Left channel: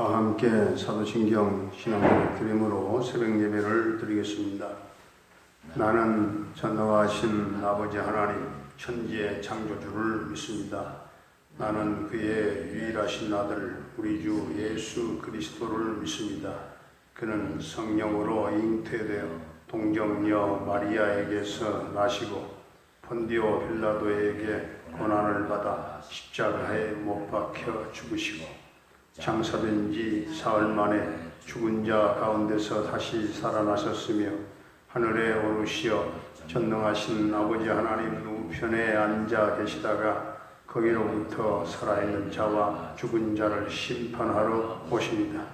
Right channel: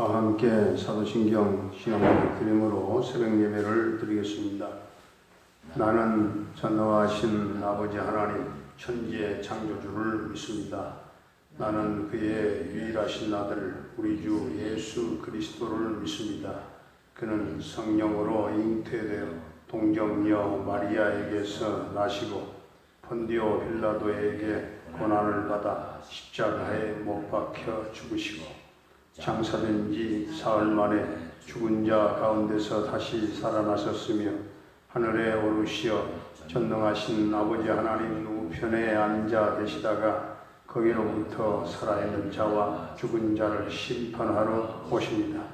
다 함께 사도신경 신앙을 드림으로 새벽 예배를 드리겠습니다. 나는 전능하신 아버지 하나님 천지의 창조주를 믿습니다. 나는 그의 유일하신 아들 우리 주 예수 그리스도를 믿습니다. 그는 성령으로 잉태되어 동정녀 마리아에게서 나시고 본디오 빌라도에게 고난을 받아 십자가에 못 박혀 죽으시고 장사된 지 사흘 만에 죽은 자 가운데서 다시 살아나셨으며 하늘에 오르시어 전능하신 아버지 하나님 우편에 앉아 계시다가 거기로부터 살아있는 자와 죽은 자를 심판하러 오십니다.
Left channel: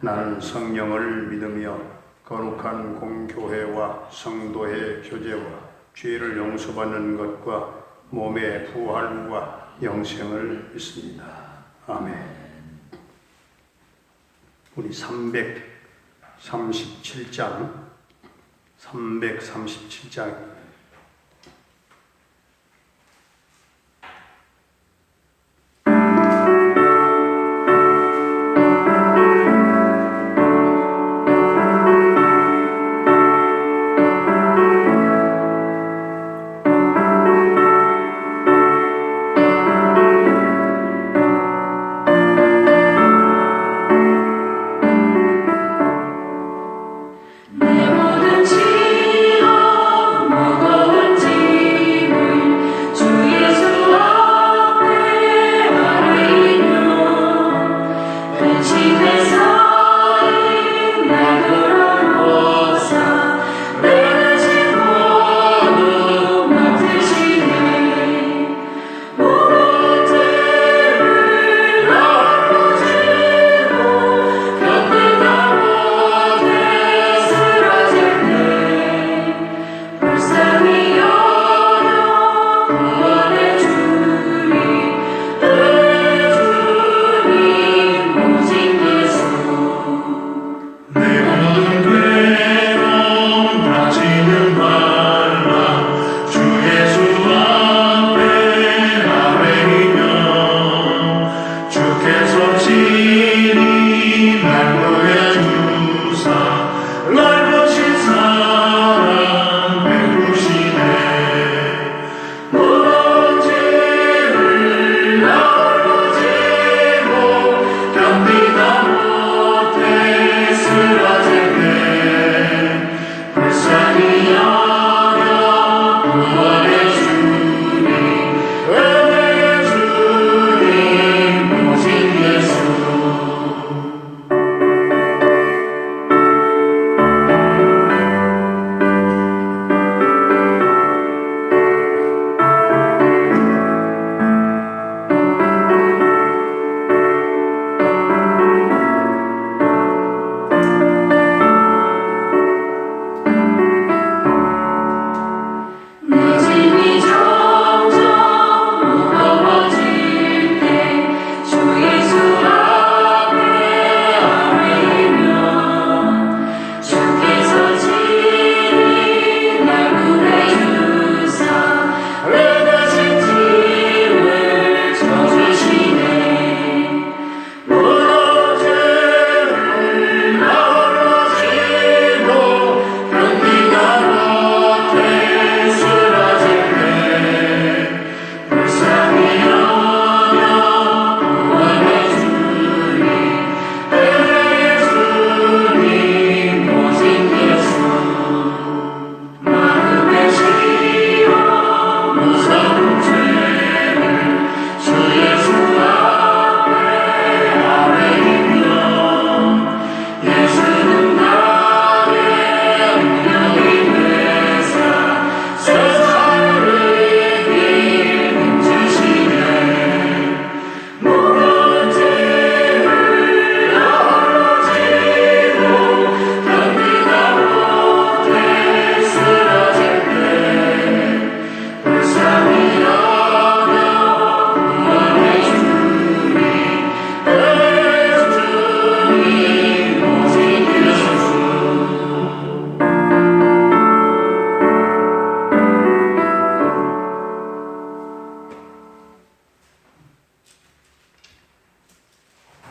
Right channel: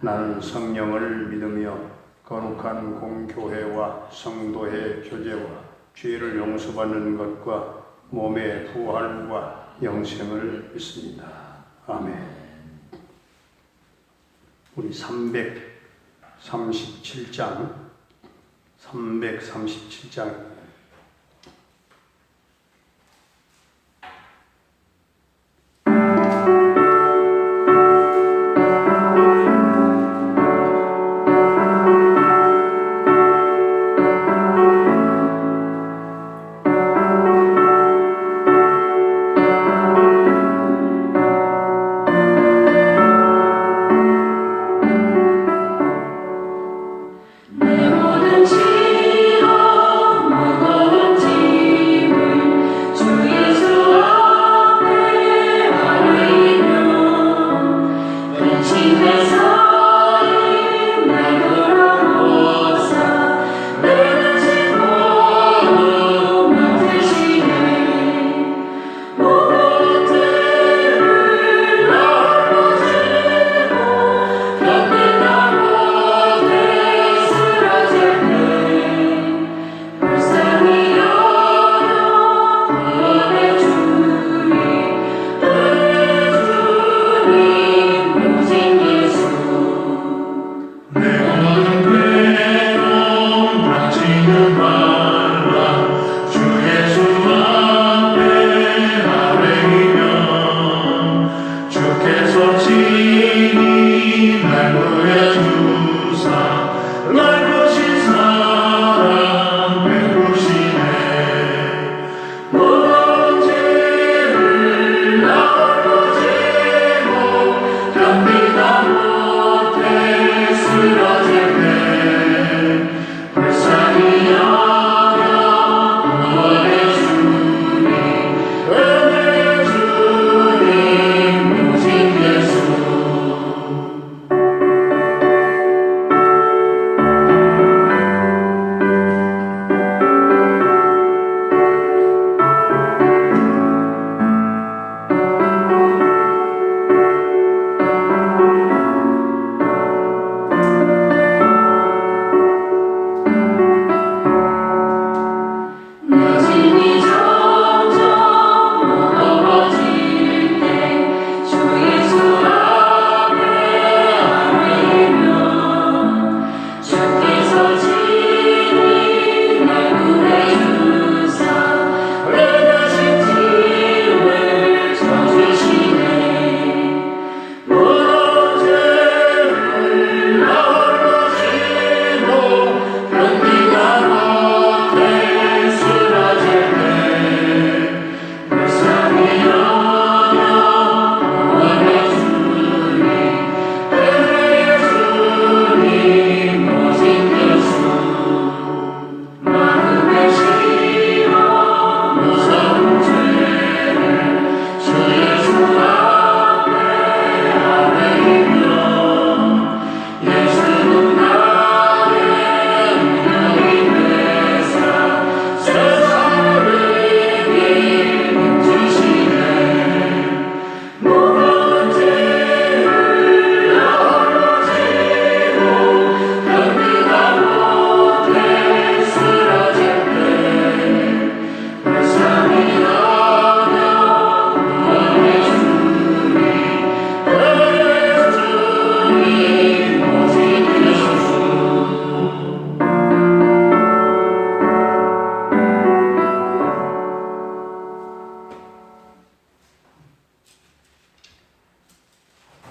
나는 성령을 믿으며 거룩한 공교회와 성도의 교제와 죄를 용서받는 것과 몸의 부활과 영생을 믿습니다. 아멘. 우리 337장 내 모든 지옥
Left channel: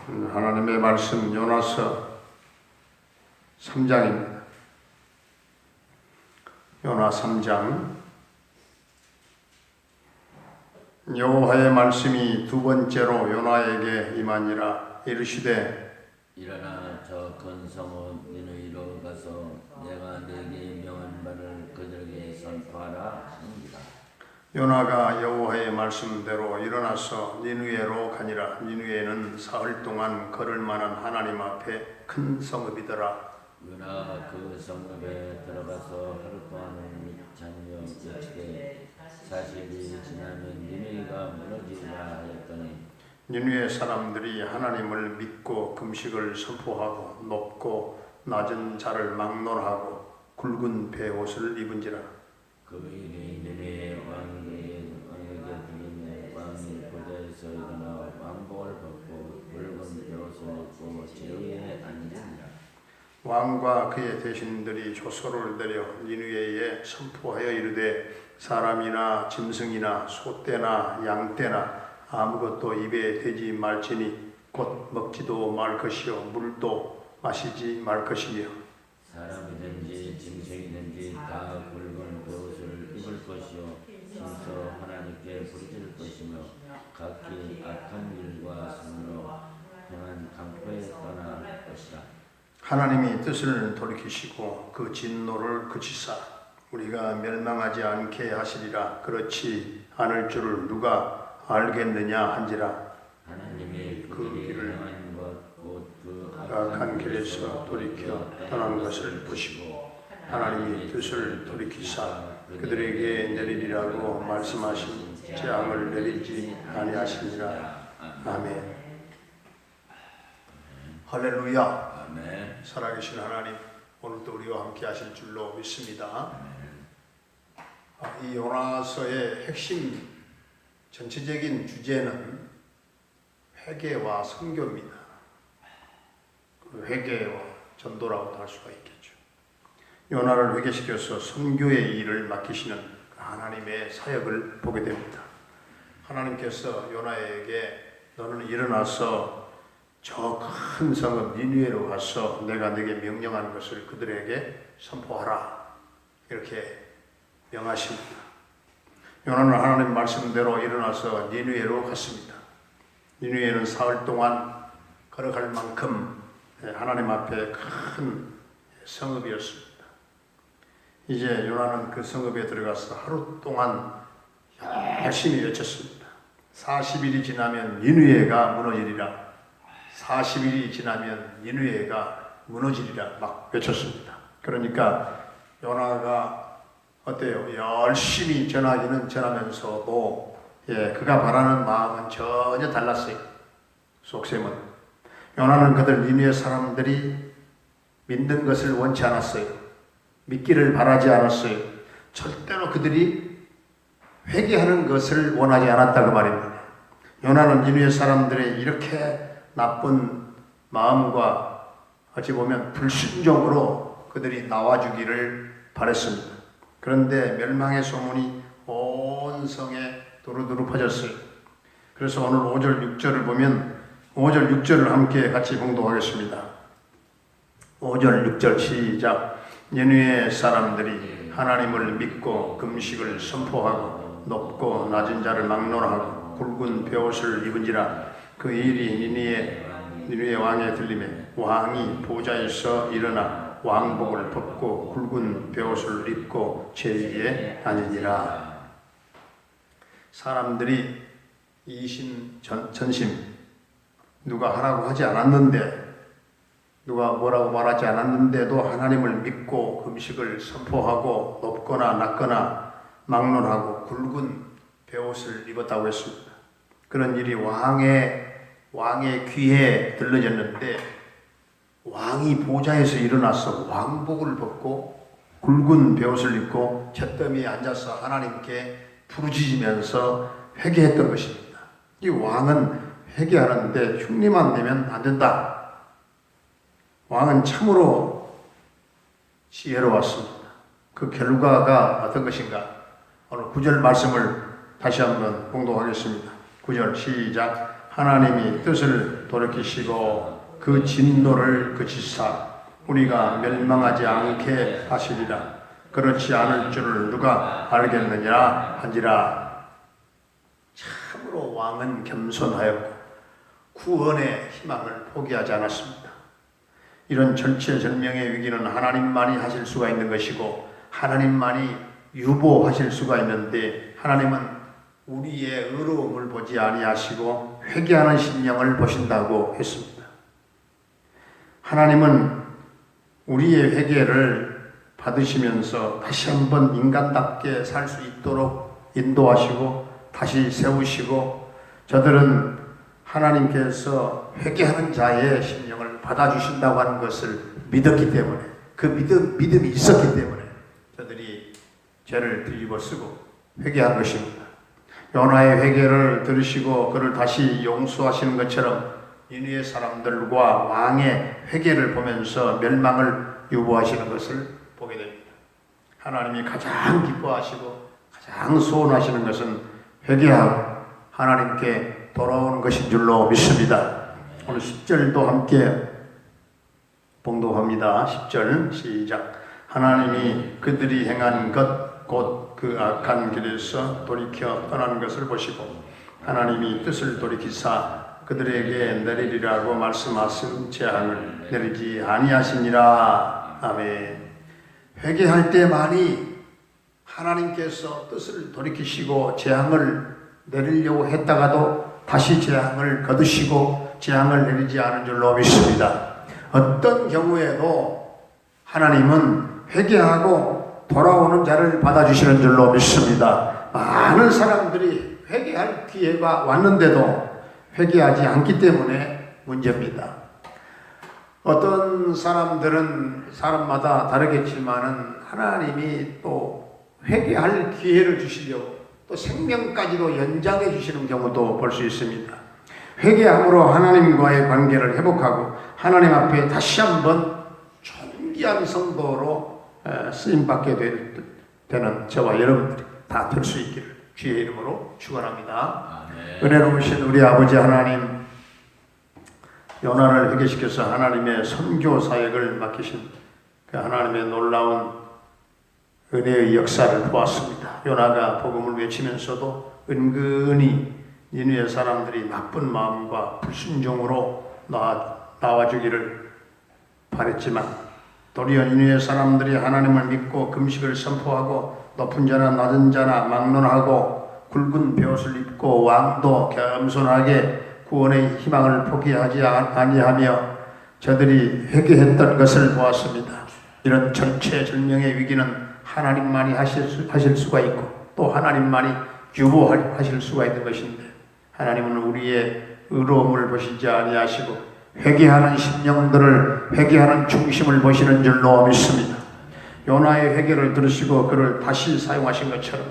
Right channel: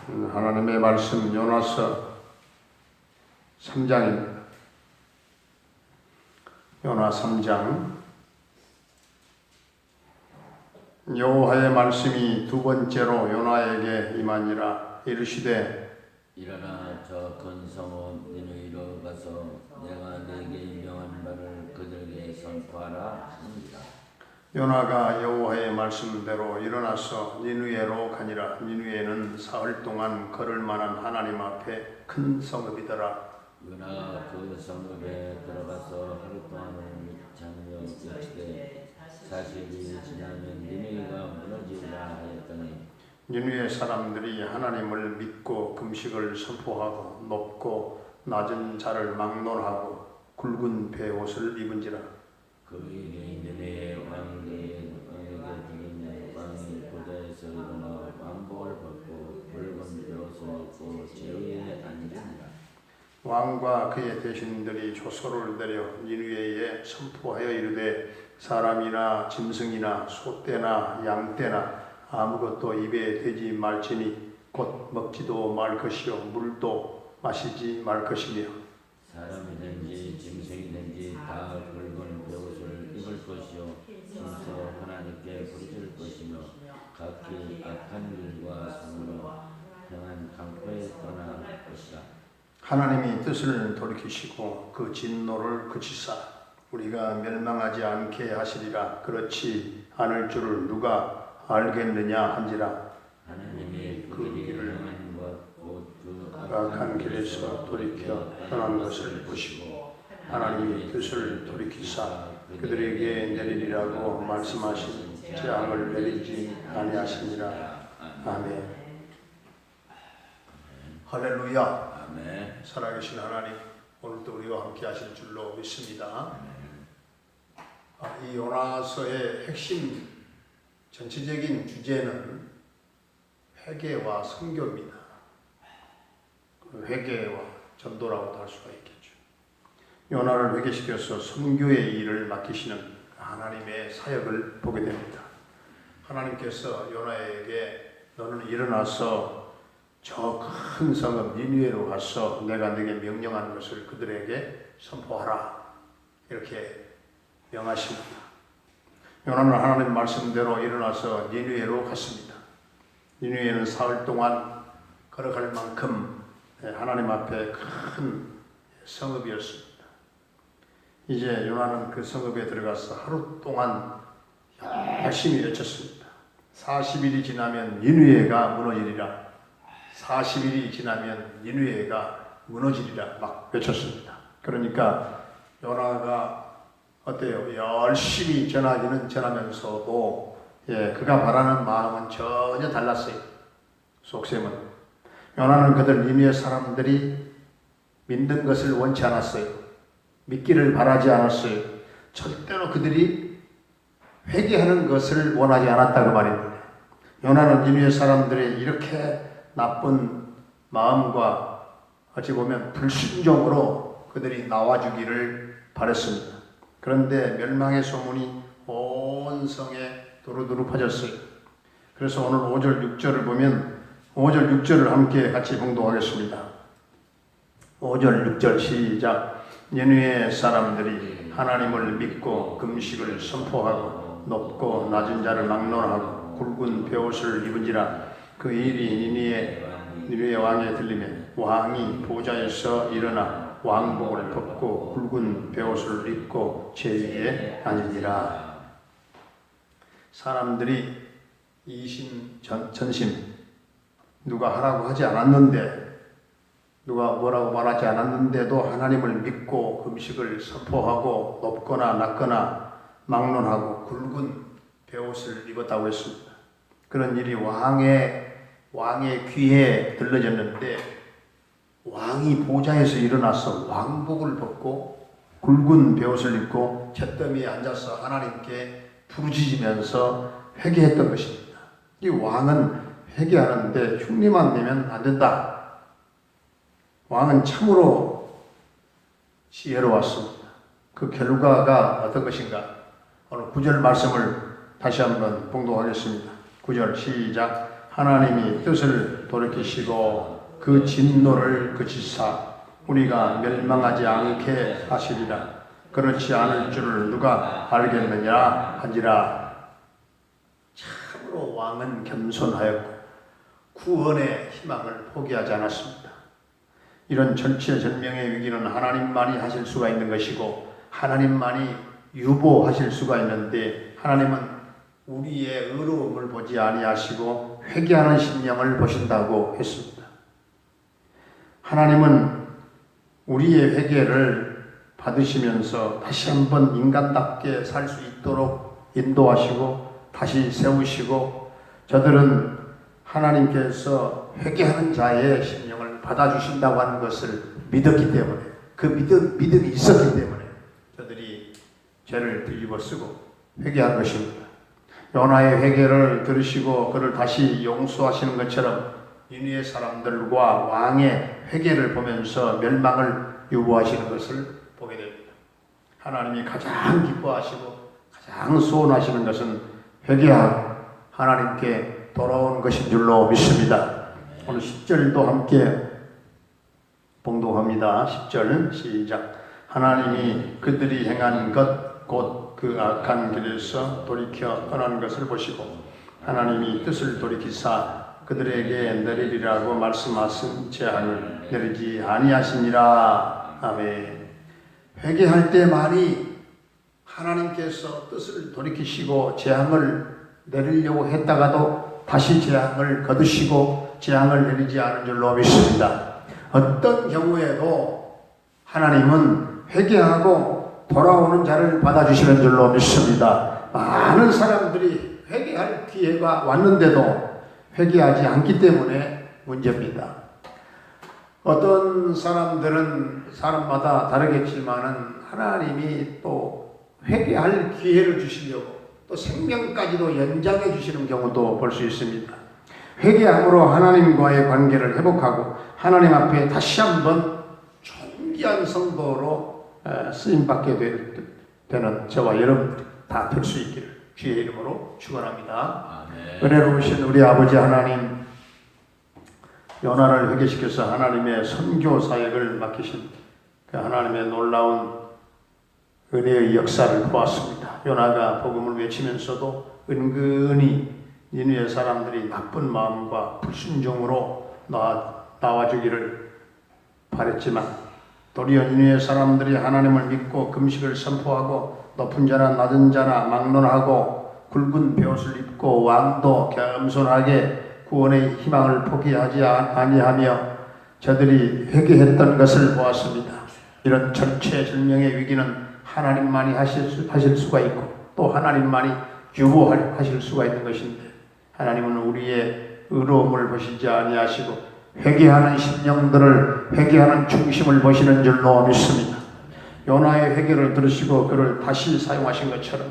하나님의 말씀 요나서 3장입니다. 요나 3장. 여호와의 말씀이 두 번째로 요나에게 임하니라. 이르시되 일어나 저 큰 성읍 니느웨로 가서 내가 네게 명한 바를 그들에게 선포하라 하니라. 요나가 여호와의 말씀대로 일어나서 니느웨로 가니라. 니느웨는 사흘 동안 걸을 만한 하나님 앞에 큰 성읍이더라. 요나가 그 성읍에 들어가서 하루 동안을 잠여 외치되 40일 지나면 니느웨가 무너지리라 하였더니 니느웨 사람들이 하나님을 믿고 금식을 선포하고 높고 낮은 자를 막론하고 굵은 베옷을 입은지라. 그 일이 니느웨 왕에게 들리니 왕이 보좌에서 일어나 왕복을 벗고 붉은 베옷을 입고 제위에 앉으니라. 왕과 그의 대신들이 조소를 내려 니느웨에 선포하여 이르되 사람이나 짐승이나 소떼나 양떼나 아무것도 입에 대지 말지니 곧 먹지도 말 것이요 물도 마시지 말 것이며 사람이든지 짐승이든지 다 붉은 베옷을 입을 것이요 스스로 하나님께 부르짖을 것이며 각기 악한 길과 손으로 행한 강포에 떠날 것이라. 하나님이 뜻을 돌이키시고 그 진노를 그치사 우리가 멸망하지 않게 하시리라. 그렇지 않을 줄을 누가 알겠느냐 한지라. 하나님이 그 그들이 길을 행한 것곧 악한 길에서 돌이켜 떠난 것을 보시고 하나님이 뜻을 돌이키사 그들에게 내리리라고 말씀하신 재앙을 내리지 아니하시니라. 아멘. 할렐루야. 아멘. 살아계신 하나님, 오늘도 우리와 함께 하실 줄로 믿습니다. 이 요나서의 핵심 전체적인 주제는 회개와 선교입니다. 회개와 전도라고도 할 수가 있겠죠. 요나를 회개시켜서 선교의 일을 맡기시는 하나님의 사역을 보게 됩니다. 하나님께서 요나에게 너는 일어나서 저 큰 성읍 니느웨로 가서 내가 네게 명령하는 것을 그들에게 선포하라. 이렇게 명하십니다. 요나는 하나님 말씀대로 일어나서 니느웨로 갔습니다. 니느웨는 사흘 동안 걸어갈 만큼 하나님 앞에 큰 성읍이었습니다. 이제 요나는 그 성읍에 들어가서 하루 동안 열심히 외쳤습니다. 40일이 지나면 니느웨가 무너지리라. 40일이 지나면 니느웨가 무너지리라 막 외쳤습니다. 그러니까 요나가 어때요? 열심히 전하기는 전하면서도 그가 바라는 마음은 전혀 달랐어요. 속셈은 요나는 그들 니느웨 사람들이 믿는 것을 원치 않았어요. 믿기를 바라지 않았어요. 절대로 그들이 회개하는 것을 원하지 않았다고 말입니다. 요나는 니느웨 사람들의 이렇게 나쁜 마음과 어찌 보면 불순종으로 그들이 나와주기를 바랬습니다. 그런데 멸망의 소문이 온 성에 두루두루 퍼졌어요. 그래서 오늘 5절 6절을 보면 5절 6절을 함께 같이 봉독하겠습니다. 5절 6절 시작. 니느웨 사람들이 하나님을 믿고 금식을 선포하고 높고 낮은 자를 막론하고 굵은 베옷을 입은지라. 그 일이 니느웨 왕에 들리매 왕이 보좌에서 일어나 왕복을 벗고 굵은 베옷을 입고 제위에 앉으니라. 사람들이 이심 전심 누가 하라고 하지 않았는데 누가 뭐라고 말하지 않았는데도 하나님을 믿고 금식을 선포하고 높거나 낮거나 막론하고 굵은 베옷을 입었다고 했습니다. 그런 일이 왕의 귀에 들려졌는데 왕이 보좌에서 일어나서 왕복을 벗고 굵은 베옷을 입고 잿더미에 앉아서 하나님께 부르짖으면서 회개했던 것입니다. 이 왕은 회개하는데 흉내만 내면 안 된다. 왕은 참으로 지혜로웠습니다. 그 결과가 어떤 것인가? 오늘 9절 말씀을 다시 한번 봉독하겠습니다. 9절 시작. 하나님이 뜻을 돌이키시고 그 진노를 그치사 우리가 멸망하지 않게 하시리라. 그렇지 않을 줄을 누가 알겠느냐 한지라. 참으로 왕은 겸손하였고 구원의 희망을 포기하지 않았습니다. 이런 절체절명의 위기는 하나님만이 하실 수가 있는 것이고 하나님만이 유보하실 수가 있는데 하나님은 우리의 의로움을 보지 아니하시고 회개하는 심령을 보신다고 했습니다. 하나님은 우리의 회개를 받으시면서 다시 한번 인간답게 살 수 있도록 인도하시고 다시 세우시고 저들은 하나님께서 회개하는 자의 심령을 받아주신다고 하는 것을 믿었기 때문에 그 믿음이 있었기 때문에 저들이 죄를 뒤집어 쓰고 회개한 것입니다. 요나의 회개를 들으시고 그를 다시 용서하시는 것처럼 니느웨 사람들과 왕의 회개를 보면서 멸망을 유보하시는 것을 보게 됩니다. 하나님이 가장 기뻐하시고 가장 소원하시는 것은 회개하고 하나님께 돌아오는 것인 줄로 믿습니다. 오늘 10절도 함께 봉독합니다. 10절 시작. 하나님이 그들이 행한 것 곧 그 악한 길에서 돌이켜 떠나는 것을 보시고 하나님이 뜻을 돌이키사 그들에게 내리리라고 말씀하신 재앙을 내리지 아니하시니라. 아멘. 회개할 때만이 하나님께서 뜻을 돌이키시고 재앙을 내리려고 했다가도 다시 재앙을 거두시고 재앙을 내리지 않은 줄로 믿습니다. 어떤 경우에도 하나님은 회개하고 돌아오는 자를 받아주시는 줄로 믿습니다. 많은 사람들이 회개할 기회가 왔는데도 회개하지 않기 때문에 문제입니다. 어떤 사람들은 사람마다 다르겠지만은 하나님이 또 회개할 기회를 주시려고 또 생명까지도 연장해 주시는 경우도 볼 수 있습니다. 회개함으로 하나님과의 관계를 회복하고 하나님 앞에 다시 한번 존귀한 성도로 쓰임받게 되는 저와 여러분들이 다 될 수 있기를 주의 이름으로 축원합니다. 은혜로우신 우리 아버지 하나님, 요나를 회개시켜서 하나님의 선교 사역을 맡기신 그 하나님의 놀라운 은혜의 역사를 보았습니다. 요나가 복음을 외치면서도 은근히 니느웨 사람들이 나쁜 마음과 불순종으로 나와주기를 바랬지만 도리어 니느웨 사람들이 하나님을 믿고 금식을 선포하고 높은 자나 낮은 자나 막론하고 굵은 베옷을 입고 왕도 겸손하게 구원의 희망을 포기하지 아니하며 저들이 회개했던 것을 보았습니다. 이런 절체절명의 위기는 하나님만이 하실 수가 있고 또 하나님만이 유보하실 수가 있는 것인데 하나님은 우리의 의로움을 보시지 아니하시고 회개하는 심령들을 회개하는 중심을 보시는 줄로 믿습니다. 요나의 회개를 들으시고 그를 다시 사용하신 것처럼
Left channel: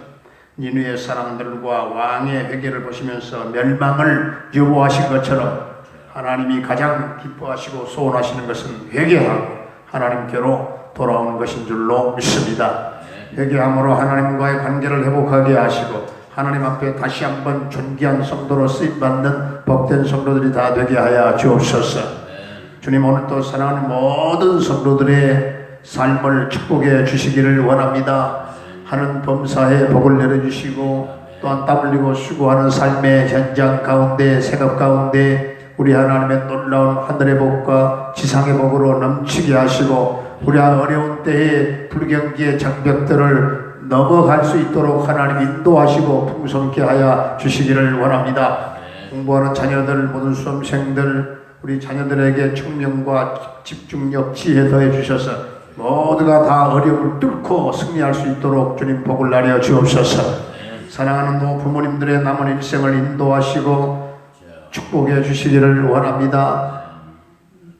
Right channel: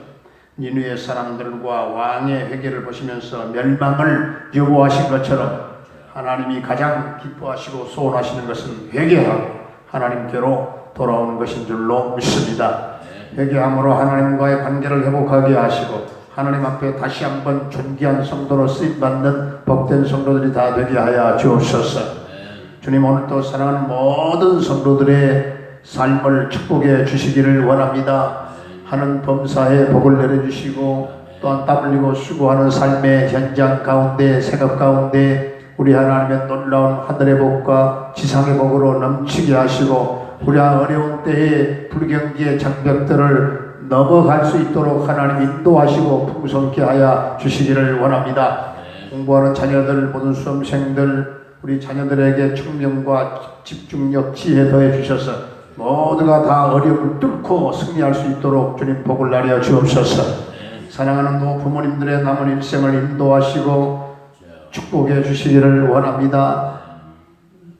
니느웨 사람들과 왕의 회개를 보시면서 멸망을 유보하신 것처럼 하나님이 가장 기뻐하시고 소원하시는 것은 회개하고 하나님께로 돌아오는 것인 줄로 믿습니다. 회개함으로 하나님과의 관계를 회복하게 하시고 하나님 앞에 다시 한번 존귀한 성도로 쓰임받는 복된 성도들이 다 되게 하여 주옵소서. 주님, 오늘도 사랑하는 모든 성도들의 삶을 축복해 주시기를 원합니다. 하는 범사에 복을 내려주시고 또한 땀 흘리고 수고하는 삶의 현장 가운데 생업 가운데 우리 하나님의 놀라운 하늘의 복과 지상의 복으로 넘치게 하시고 우리 어려운 때에 불경기의 장벽들을 넘어갈 수 있도록 하나님 인도하시고 풍성케 하여 주시기를 원합니다. 공부하는 자녀들, 모든 수험생들, 우리 자녀들에게 청명과 집중력, 지혜 더해 주셔서 모두가 다 어려움을 뚫고 승리할 수 있도록 주님 복을 나려 주옵소서. 사랑하는 부모님들의 남은 일생을 인도하시고 축복해 주시기를 원합니다.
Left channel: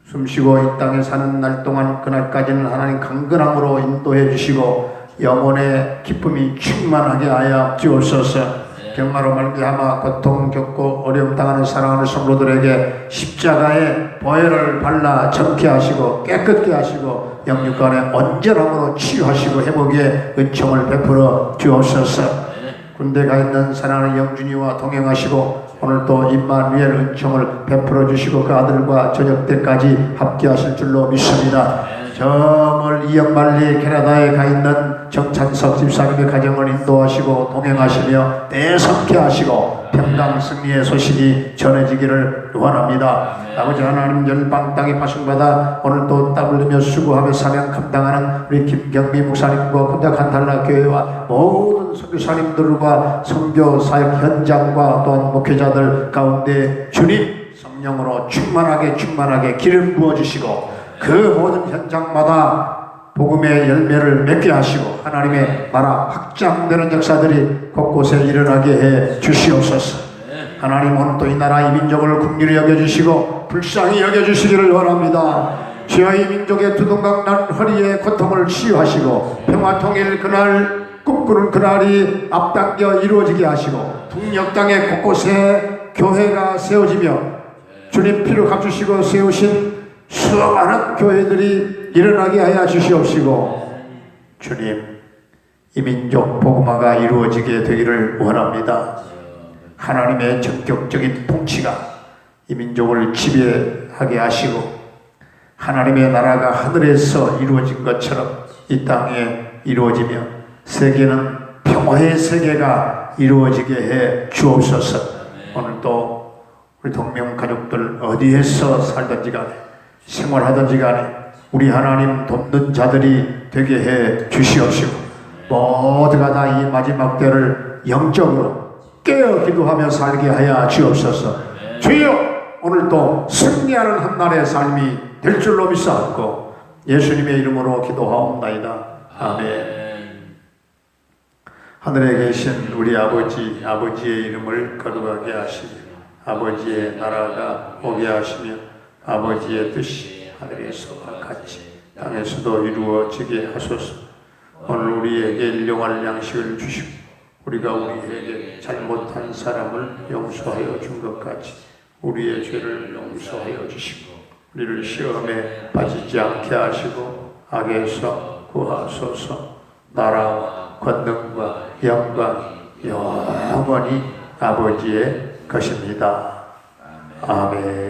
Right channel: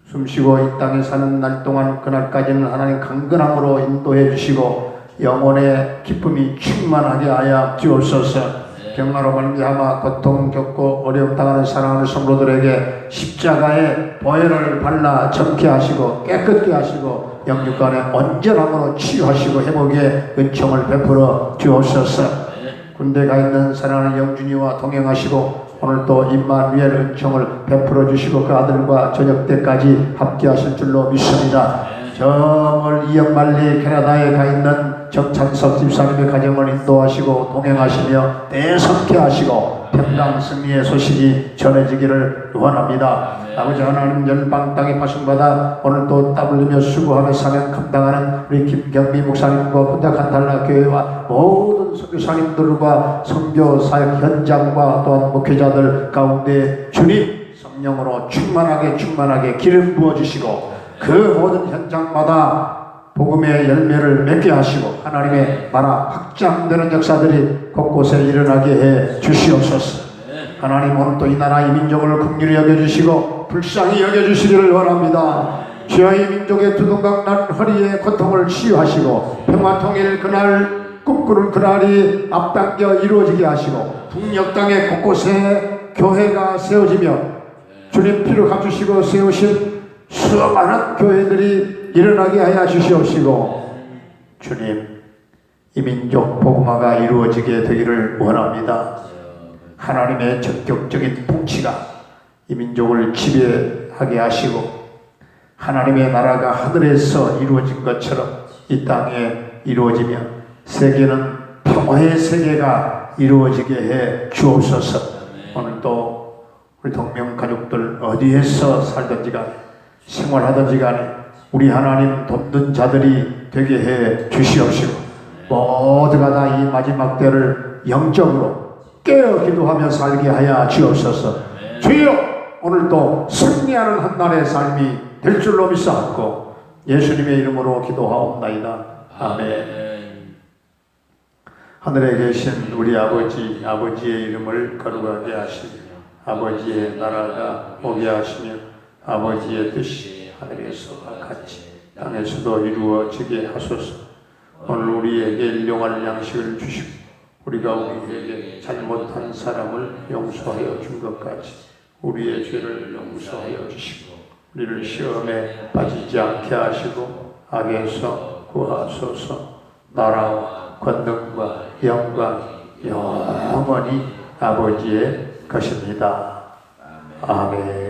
숨쉬고 이 땅에 사는 날 동안 그날까지는 하나님 강건함으로 인도해 주시고 영혼의 기쁨이 충만하게 하여 주옵소서. 병마로 말미암아 고통 겪고 어려움 당하는 사랑하는 성도들에게 십자가의 보혈을 발라 정케 하시고 깨끗게 하시고 영육간의 온전함으로 치유하시고 회복의 은총을 베풀어 주옵소서. 군대 가 있는 사랑하는 영준이와 동행하시고 오늘 또 임마누엘 은총을 베풀어 주시고 그 아들과 저녁 때까지 함께하실 줄로 믿습니다. 저 멀리 이역말리 캐나다에 가 있는 정찬석 집사님의 가정을 인도하시고 동행하시며 대성케 하시고 평강 승리의 소식이 전해지기를 원합니다. 아버지 하나님, 열방 땅에 파송받아 오늘도 땀 흘리며 수고하며 사명 감당하는 우리 김경미 목사님과 분당한달라 교회와 모든 선교사님들과 선교 사역 현장과 또한 목회자들 가운데 주님 성령으로 충만하게 기름 부어주시고 그 모든 현장마다 복음의 열매를 맺게 하시고 하나님의 나라 확장되는 역사들이 곳곳에 일어나게 해 주시옵소서. 하나님, 오늘 또 이 나라 이 민족을 긍휼히 여겨주시고 불쌍히 여겨주시기를 원합니다. 주여, 이 민족의 두둥강난 허리의 고통을 치유하시고 평화통일 그날 꿈꾸는 그날이 앞당겨 이루어지게 하시고 북녘 땅의 곳곳에 교회가 세워지며 주님 피로 감추시고 세우신 수많은 교회들이 일어나게 하여 주시옵시고 주님, 이 민족 복음화가 이루어지게 되기를 원합니다. 하나님의 전격적인 통치가 이 민족을 지배하게 하시고 하나님의 나라가 하늘에서 이루어진 것처럼 이 땅에 이루어지며 세계는 평화의 세계가 이루어지게 해 주옵소서. 오늘도 우리 동명 가족들 어디에서 살든지 간에 생활하든지 간에 우리 하나님 돕는 자들이 되게 해 주시옵시고 모두가 다 이 마지막 때를 영적으로 깨어 기도하며 살게 하여 주옵소서. 주여, 오늘도 승리하는 한날의 삶이 될 줄로 믿사옵고 예수님의 이름으로 기도하옵나이다. 아멘. 하늘에 계신 우리 아버지의 이름을 거룩하게 하시며 아버지의 나라가 오게 하시며 아버지의 뜻이 하늘에서와 같이 땅에서도 이루어지게 하소서. 오늘 우리에게 일용할 양식을 주시고 우리가 우리에게 잘못한 사람을 용서하여 준 것 같이 우리의 죄를 용서하여 주시고 우리를 시험에 빠지지 않게 하시고 악에서 구하소서. 나라와 권능과 영광 영원히 아버지의 것입니다. 아멘.